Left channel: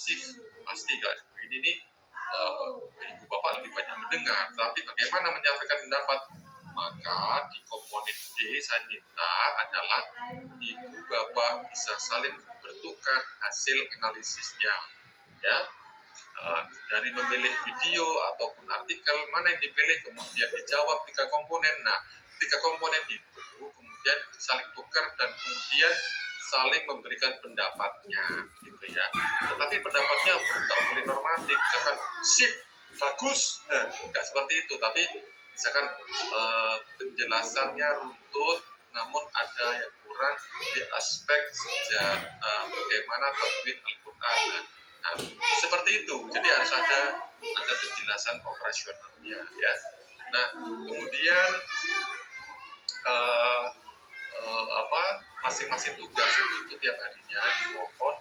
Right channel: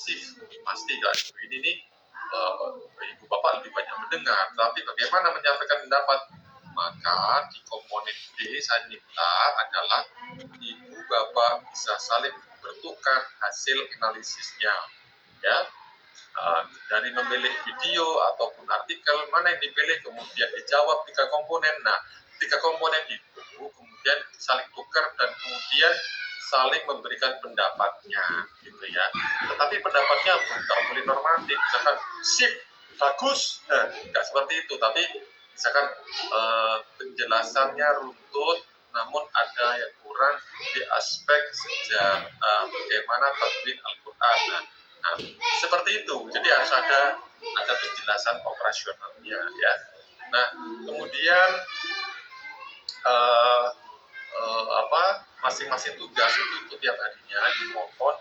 shift pasti kan. Ini nih ibu bapak lebih banyak mendengar, tapi bagaimana menyampaikan pendapat? Maka di komponen D saya minta adalah ibu bapak bisa saling bertukar hasil analisisnya, ya. Dari memilih video ataupun artikel mana yang dipilih, kemudian dijawab 3 komponen. Nah, 3 komponen itu kemudian saling tukar dan kemudian saling memberikan pendapatnya, gitu ya. Tetapi pendapatnya nggak boleh normatif, misalkan sip, bagus, nggak seperti itu. Tapi misalkan penjelasannya runtut, namun ada yang kurang di aspek bagaimana tadwin Al-Quran. Nah, seperti itu. Jadi harus ada penjelasan operasionalnya, ya. Nah, kemudian masing-masing tugas itu tiap harinya dimohon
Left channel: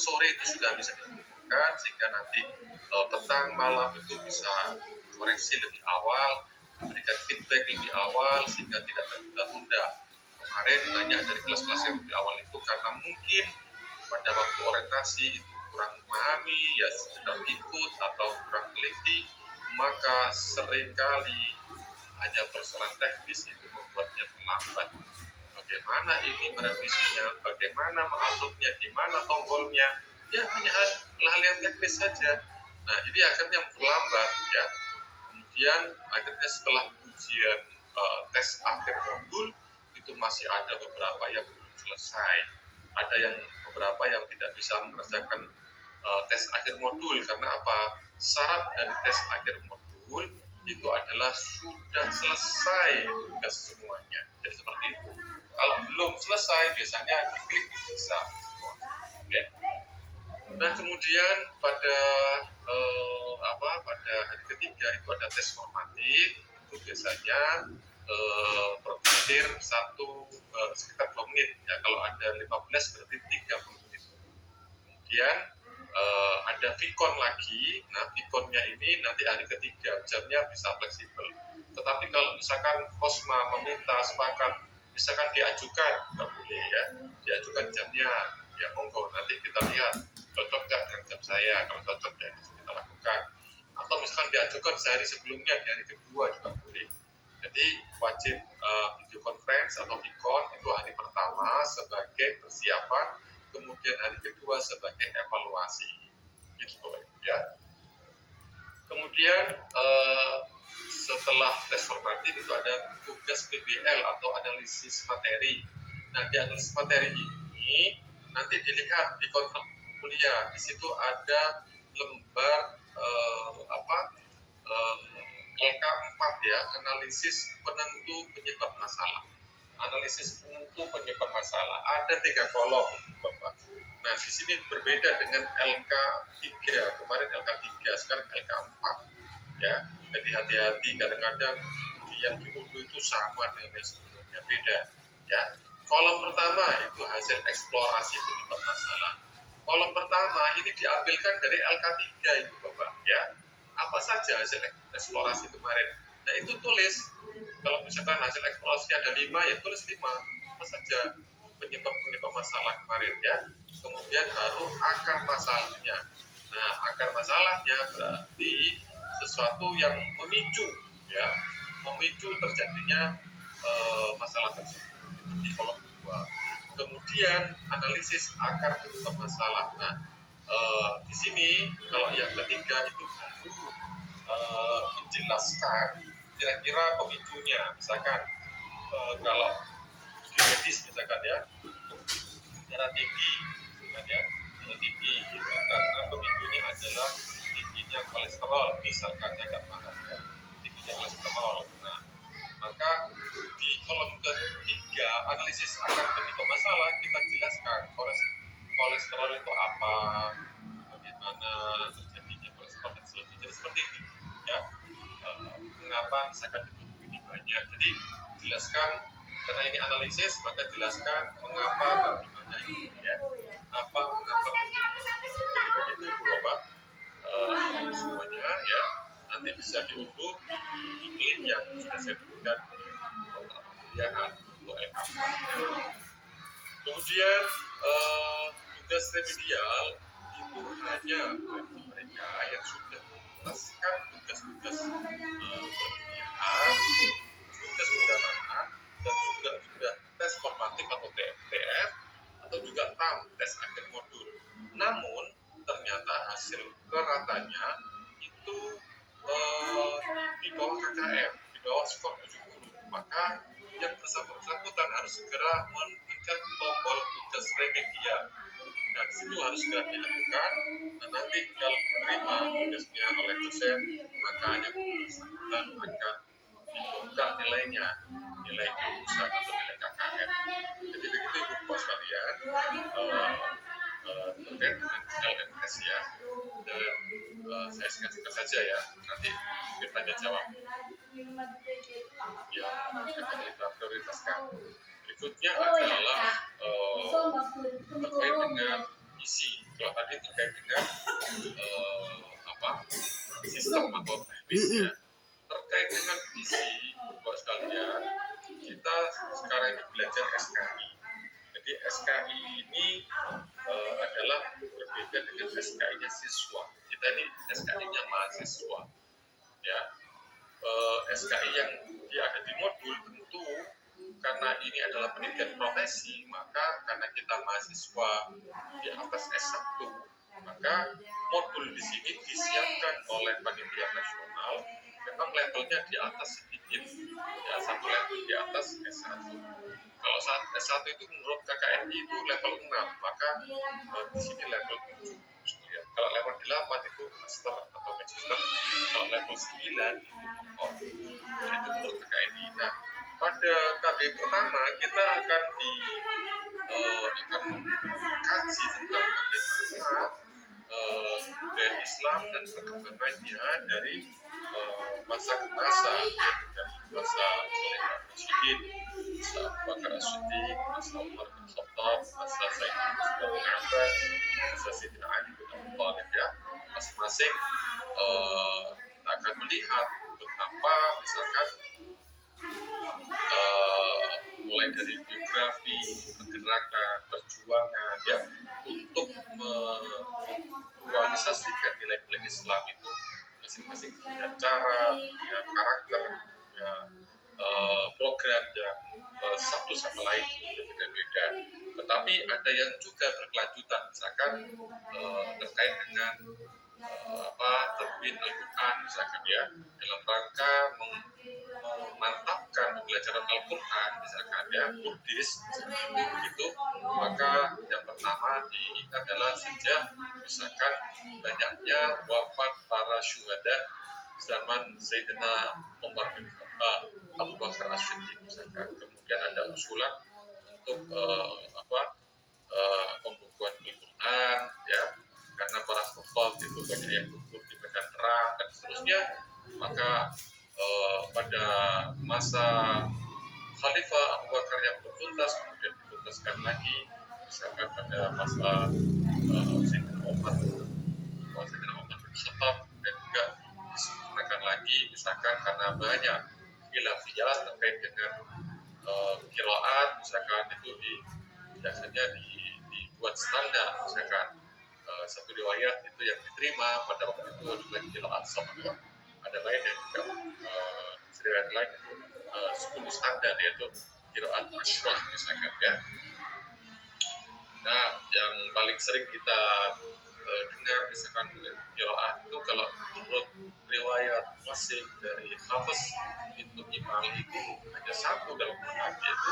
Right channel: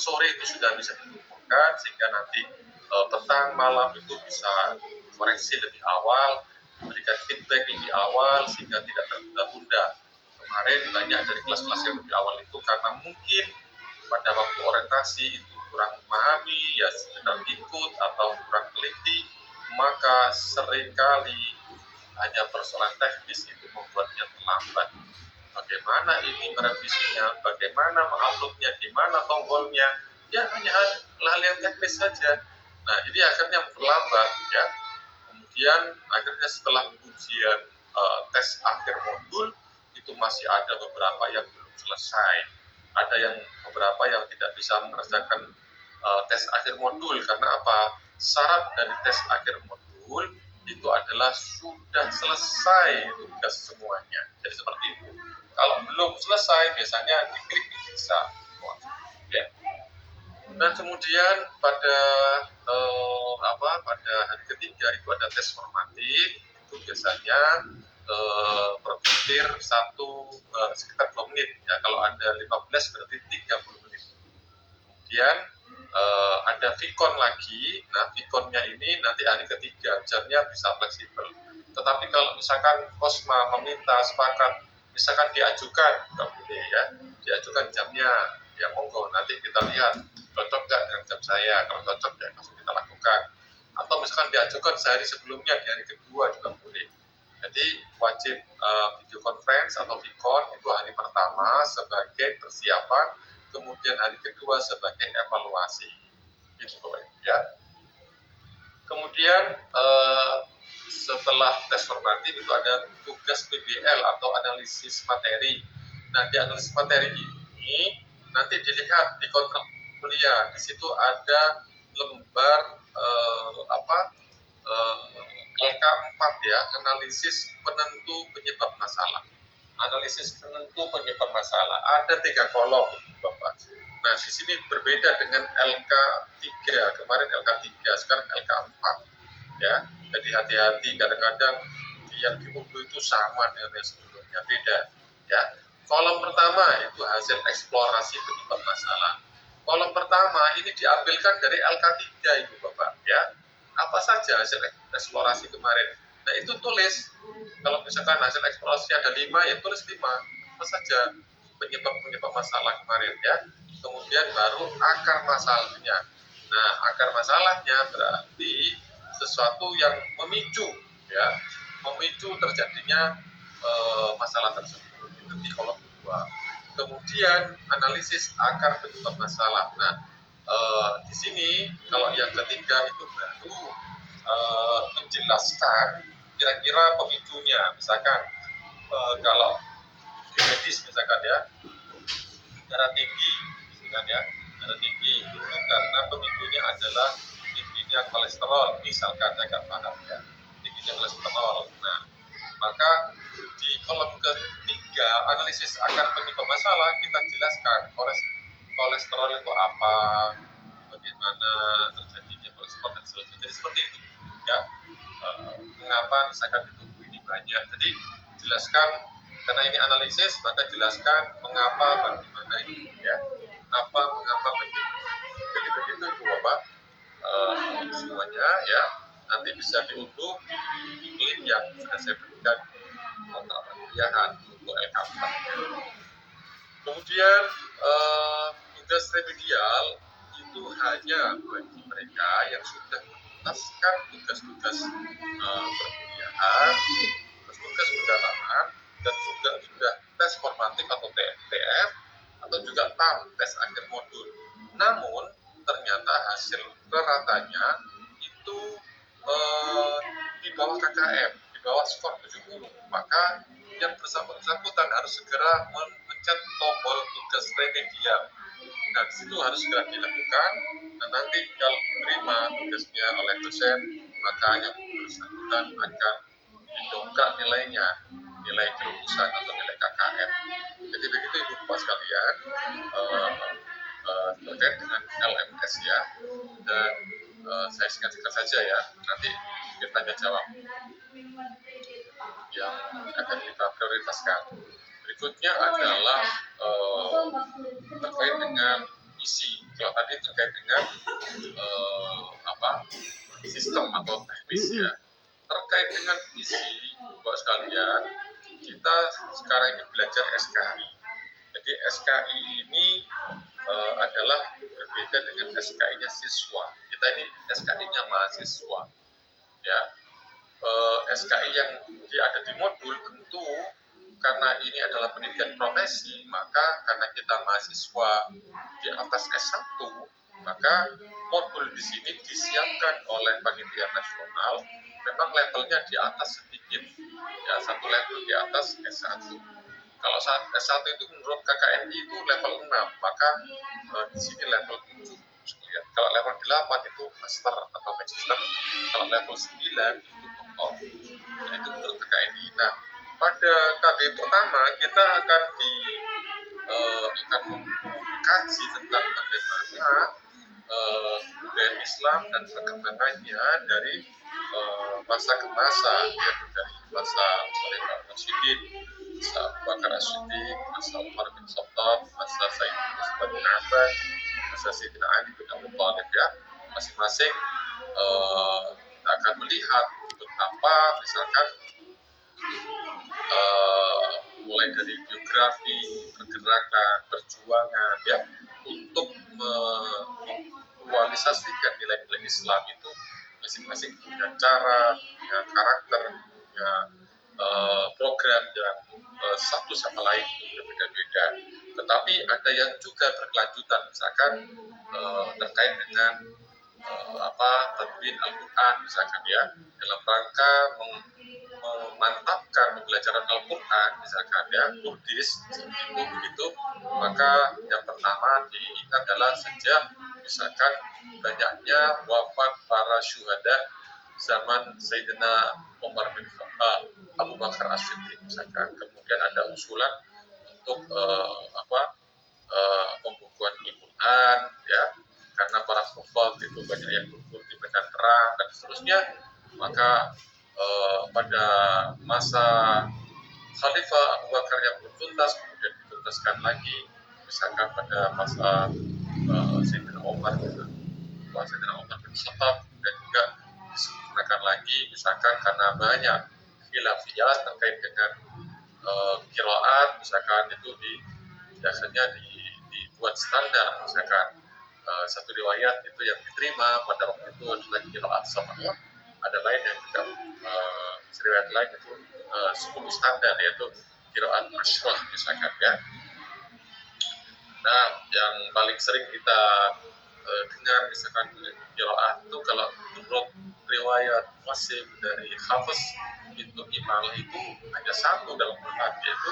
sore itu sudah bisa dikumpulkan sehingga nanti petang malam itu bisa koreksi lebih awal, memberikan feedback lebih awal sehingga tidak tertunda-tunda. Kemarin banyak dari kelas-kelas yang lebih awal itu karena mungkin pada waktu orientasi itu kurang memahami, ya sedang ikut atau kurang teliti, maka seringkali hanya persoalan teknis itu membuatnya terlambat. Bagaimana ini merevisinya, bagaimana menguploadnya, di mana tombolnya, ya hanya hal yang teknis saja. Nah, ini akhirnya terlambat, ya. Kemudian akhirnya setelah ujian tes akhir modul itu masih ada beberapa yang belum selesai, ada yang beberapa yang tidak bisa mengerjakan tes akhir modul karena apa? Syarat dari tes akhir modul itu adalah sudah selesai tugas semuanya. Jadi seperti itu. Kalau belum selesai biasanya diklik bisa. Ya. Dan kemudian pada pada hari ketiga itu ada tes formatif, itu biasanya berpikir sekitar 2 menit. Ya, kalau ada 15 berarti 30 menit. Kemudian ada Vicon lagi. Nah, Viconnya ini nanti hari ketiga, jamnya bisa fleksibel. Tetapi kalau misalkan Kosma meminta sepakat, misalkan diajukan, nggak boleh ya, diajukan jamnya, ya monggo, nanti kita lihat cocok nggak dengan jam saya. Kalau cocok ya langsung kita lakukan. Atau misalkan diajukan sehari sebelumnya, di hari kedua juga boleh. Jadi wajib video conference atau Vicon itu hari pertama sebagai persiapan, kemudian hari kedua sebagai evaluasi, gitu ya. Kemudian setelah tes formatif itu ada tugas PBL atau analisis materi. Nah, di analisis materi ini nanti dilihat di kontrak kuliah, di situ ada lembar LK4 ya, analisis penentu penyebab masalah. Analisis penentu penyebab masalah. Ada 3 kolom, Bapak. Nah, di sini berbeda dengan LK3. Kemarin LK3, sekarang LK4. Ya, jadi hati-hati, kadang-kadang yang diunduh itu sama dengan yang sebelumnya, beda. Ya, kolom pertama itu hasil eksplorasi penyebab masalah. Kolom pertama ini diambilkan dari LK3 itu, Bapak. Ya, apa saja hasil eksplorasi kemarin. Nah, itu tulis. Kalau misalkan hasil eksplorasi ada 5, ya tulis 5. Apa saja penyebab masalah kemarin, ya. Kemudian baru akar masalahnya. Nah, akar masalahnya berarti sesuatu yang memicu, ya, memicu terjadinya masalah tersebut. Itu di kolom 2. Kemudian analisis akar penyebab masalah. Nah, di sini kalau yang ketiga itu baru menjelaskan kira-kira pemicunya. Misalkan kalau di medis misalkan ya, darah tinggi, misalkan ya, darah tinggi itu karena pemicunya adalah tingginya kolesterol, misalkan saya nggak paham ya, tingginya kolesterol. Nah, maka di kolom ketiga analisis akar penyebab masalah kita jelaskan kolesterol itu apa, bagaimana terjadinya kolesterol dan seterusnya. Jadi seperti itu ya. Mengapa misalkan di tubuh ini banyak. Jadi jelaskan, karena ini analisis, maka jelaskan mengapa, bagaimana ini ya. Apa, mengapa, begitu Ibu Bapak. Semuanya ya nanti bisa diunduh di link yang sudah saya berikan kontrak perkuliahan untuk LK4. Kemudian tugas remedial itu hanya bagi mereka yang sudah menuntaskan tugas-tugas perkuliahan, tugas pendalaman, dan juga sudah tes formatif atau TF atau juga TAM, tes akhir modul. Namun ternyata hasil ratanya itu di bawah KKM, di bawah skor 70. Maka yang bersangkutan harus segera mencet tombol tugas remedial. Nah, itu harus segera dilakukan, dan nanti kalau diterima tugasnya oleh dosen, maka yang bersangkutan akan didongkrak nilainya, nilai kelulusan atau nilai KKM. Jadi begitu Ibu Bapak sekalian terkait dengan LMS ya, dan saya singkat-singkat saja ya, nanti bertanya jawab yang akan kita prioritaskan. Berikutnya adalah terkait dengan isi. Kalau tadi terkait dengan sistem atau teknis ya. Terkait dengan isi, buat sekalian, kita sekarang ini belajar SKI. Jadi SKI ini adalah berbeda dengan SKI-nya siswa. Kita ini SKI-nya mahasiswa. Ya, SKI yang ada di modul tentu karena ini adalah pendidikan profesi, maka karena kita mahasiswa di atas S1, maka modul di sini disiapkan oleh panitia nasional, memang levelnya di atas sedikit, ya satu level di atas S1. Kalau saat S1 itu menurut KKNI itu level 6, maka di sini level 7. Kalau level 8 itu master atau magister, kalau level 9 itu doktor. Itu menurut KKNI. Nah, pada KB pertama kita akan mengkaji tentang bagaimana budaya Islam dan perkembangannya dari masa ke masa, yaitu dari masa Khalifah Rasyidin, masa Abu Bakar As-Siddiq, masa Umar bin Khattab, masa Sayyidina bin Abbas, masa Sayyidina Ali bin Abi Thalib ya. Masing-masing kita akan melihat betapa misalkan mulai dari biografi, pergerakan, perjuangan ya untuk memvisualisasikan nilai-nilai Islam itu masing-masing punya cara, punya karakter, punya program yang satu sama lain berbeda-beda. Tetapi ada yang juga berkelanjutan, misalkan terkait dengan tadwin Al-Quran misalkan ya, dalam rangka memantapkan pembelajaran Al-Quran misalkan ya, Kurdis begitu, maka yang pertama diingat adalah sejak misalkan banyaknya wafat para syuhada zaman Sayyidina Umar bin Khattab, Abu Bakar As-Siddiq misalkan. Kemudian ada usulan untuk pembukuan Al-Quran ya, karena para sahabat itu banyak yang gugur di medan perang dan seterusnya. Maka pada masa Khalifah Abu Bakar yang bertuntas, kemudian dituntaskan lagi misalkan pada masa Sayyidina Umar gitu, Sayyidina Umar bin Khattab, dan juga disempurnakan lagi misalkan karena banyak khilafiyah terkait dengan qiraat misalkan, itu biasanya dibuat standar misalkan satu riwayat itu yang diterima pada waktu itu adalah qiraat Sama'iyah, ada lain yang juga riwayat lain itu 10 standar, yaitu qiraat Ashrah misalkan ya. Nah, yang paling sering kita dengar misalkan qiraat itu kalau menurut riwayat Wasim dari Hafiz itu imal itu hanya satu dalam Quran, yaitu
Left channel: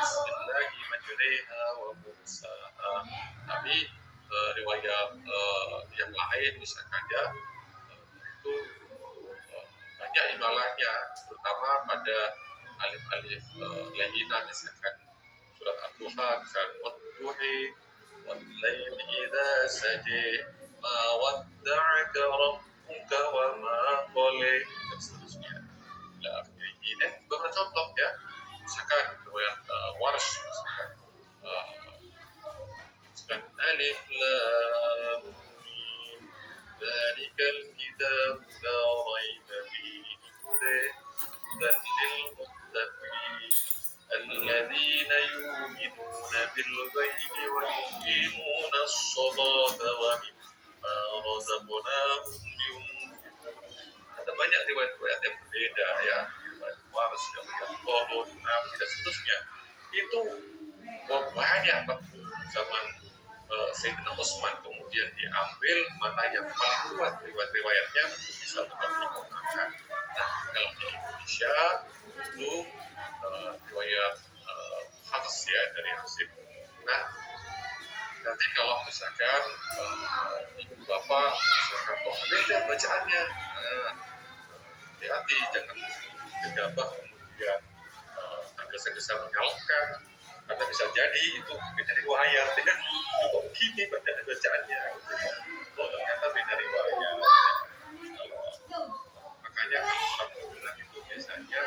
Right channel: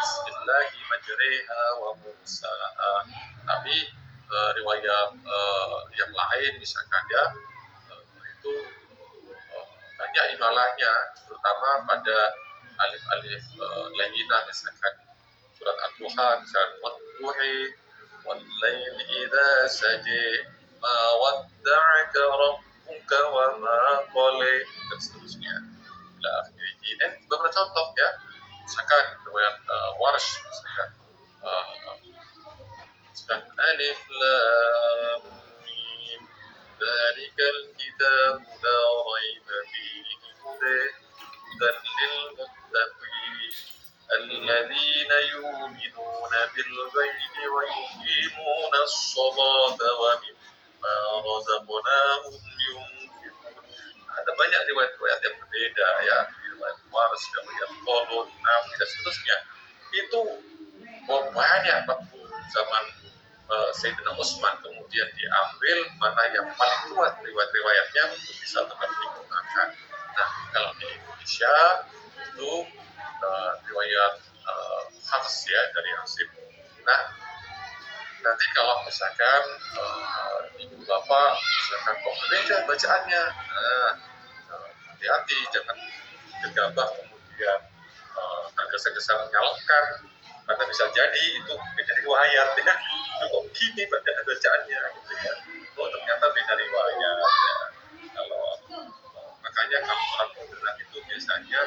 Bismillahi majriha wa mursaha. Tapi riwayat yang lain misalkan ya itu banyak imalahnya, terutama pada alif-alif lainah misalkan surat Ad-Duha misalkan wadduhi wal-laili idza saji ma wadda'aka rabbuka wa ma qala dan seterusnya. Ini beberapa contoh ya, misalkan riwayat Warsh misalkan alif lam mim dzalikal kitab la raiba fihi hudan lil muttaqin alladzina yu'minuna bil ghaibi wa yuqimuna as-salata wa mimma razaqnahum yunfiqun. Ada banyak riwayat-riwayat yang berbeda ya, riwayat Wars, riwayat Qolun, Nafi dan seterusnya. Itu banyak waktu zaman Sayyidina Utsman, kemudian diambil mana yang paling kuat riwayat-riwayatnya untuk bisa tetap digunakan. Nah, kalau di Indonesia itu riwayat Hafs ya dari Asim. Nah, nanti kalau misalkan ibu bapak misalkan kok beda bacaannya, hati-hati jangan gegabah kemudian tergesa-gesa menyalahkan, karena bisa jadi itu beda riwayat ya. Kok begini bacaannya gitu ya. Oh ternyata beda riwayat ya. Kalau makanya kalau orang moderat itu biasanya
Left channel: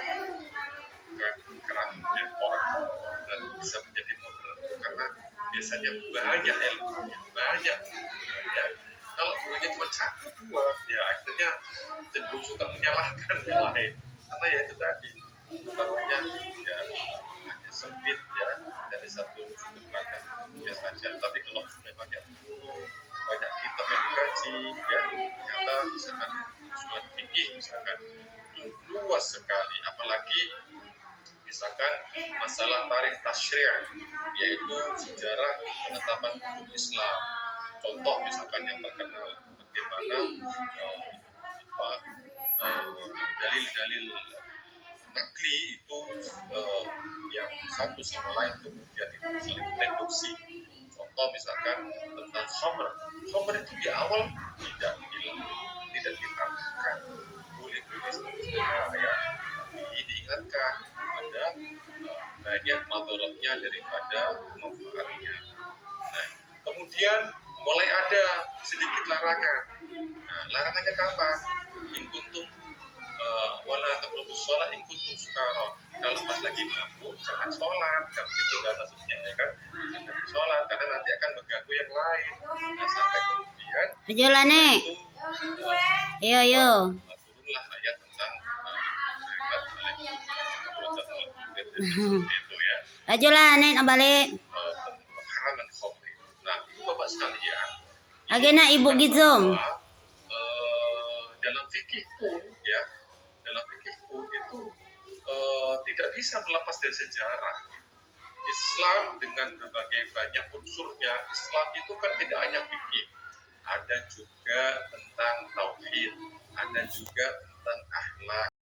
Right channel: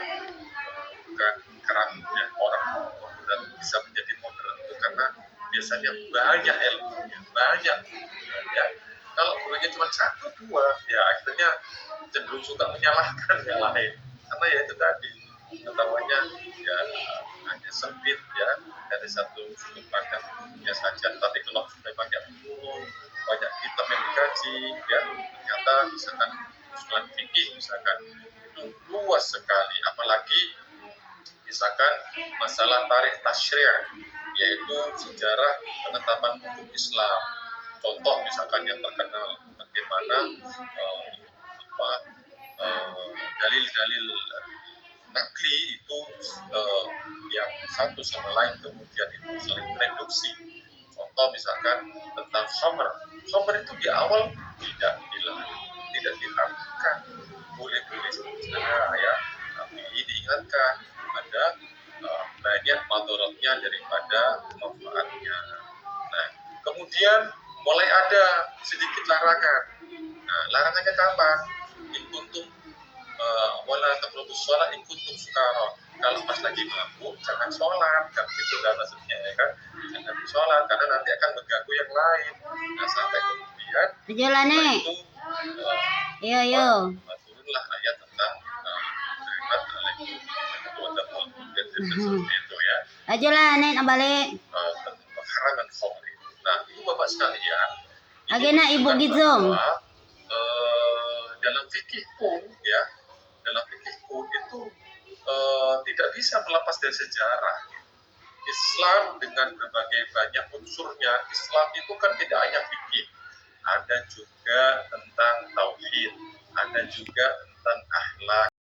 bukan keram ya, orang moderat bisa menjadi moderat itu karena biasanya banyak ilmunya, banyak ya. Kalau gurunya cuma satu dua ya akhirnya cenderung suka menyalahkan yang lain, karena ya itu tadi pengetahuannya ya hanya sempit ya dari satu sudut pandang ya saja. Tapi kalau sudah banyak guru, banyak kitab yang dikaji ya, ternyata misalkan usulan fikih misalkan itu luas sekali, apalagi misalkan masalah tarikh tasyri', yaitu sejarah penetapan hukum Islam. Contoh misalkan yang terkenal bagaimana dalil-dalil nakli itu yang satu sama lain kemudian itu saling bereduksi. Contoh misalkan tentang khamr itu di awal tidak diharamkan, boleh-boleh saja ya, tapi diingatkan ada banyak madorotnya daripada manfaatnya. Nah, kemudian mulai ada sedikit larangan. Nah, larangannya kapan? In kuntum wala taqrabus shalah in kuntum sukara. Kalau pas lagi mabuk jangan sholat, kan gitu kan maksudnya ya kan. Jangan sholat karena nanti akan mengganggu yang lain. Nah, sampai kemudian itu turunlah ayat tentang itu ya. Ajolah nen balik. Pengharangan khamr. Nah, ibu bapak sekalian, Agena ibu gizong. Dalam fikih pun ya, dalam fikih pun itu tidak bisa melepas dari sejarah. Islam dengan berbagai banyak unsurnya, Islam itu kan tidak hanya fikih, ada juga tentang tauhid, ada juga tentang akhlak.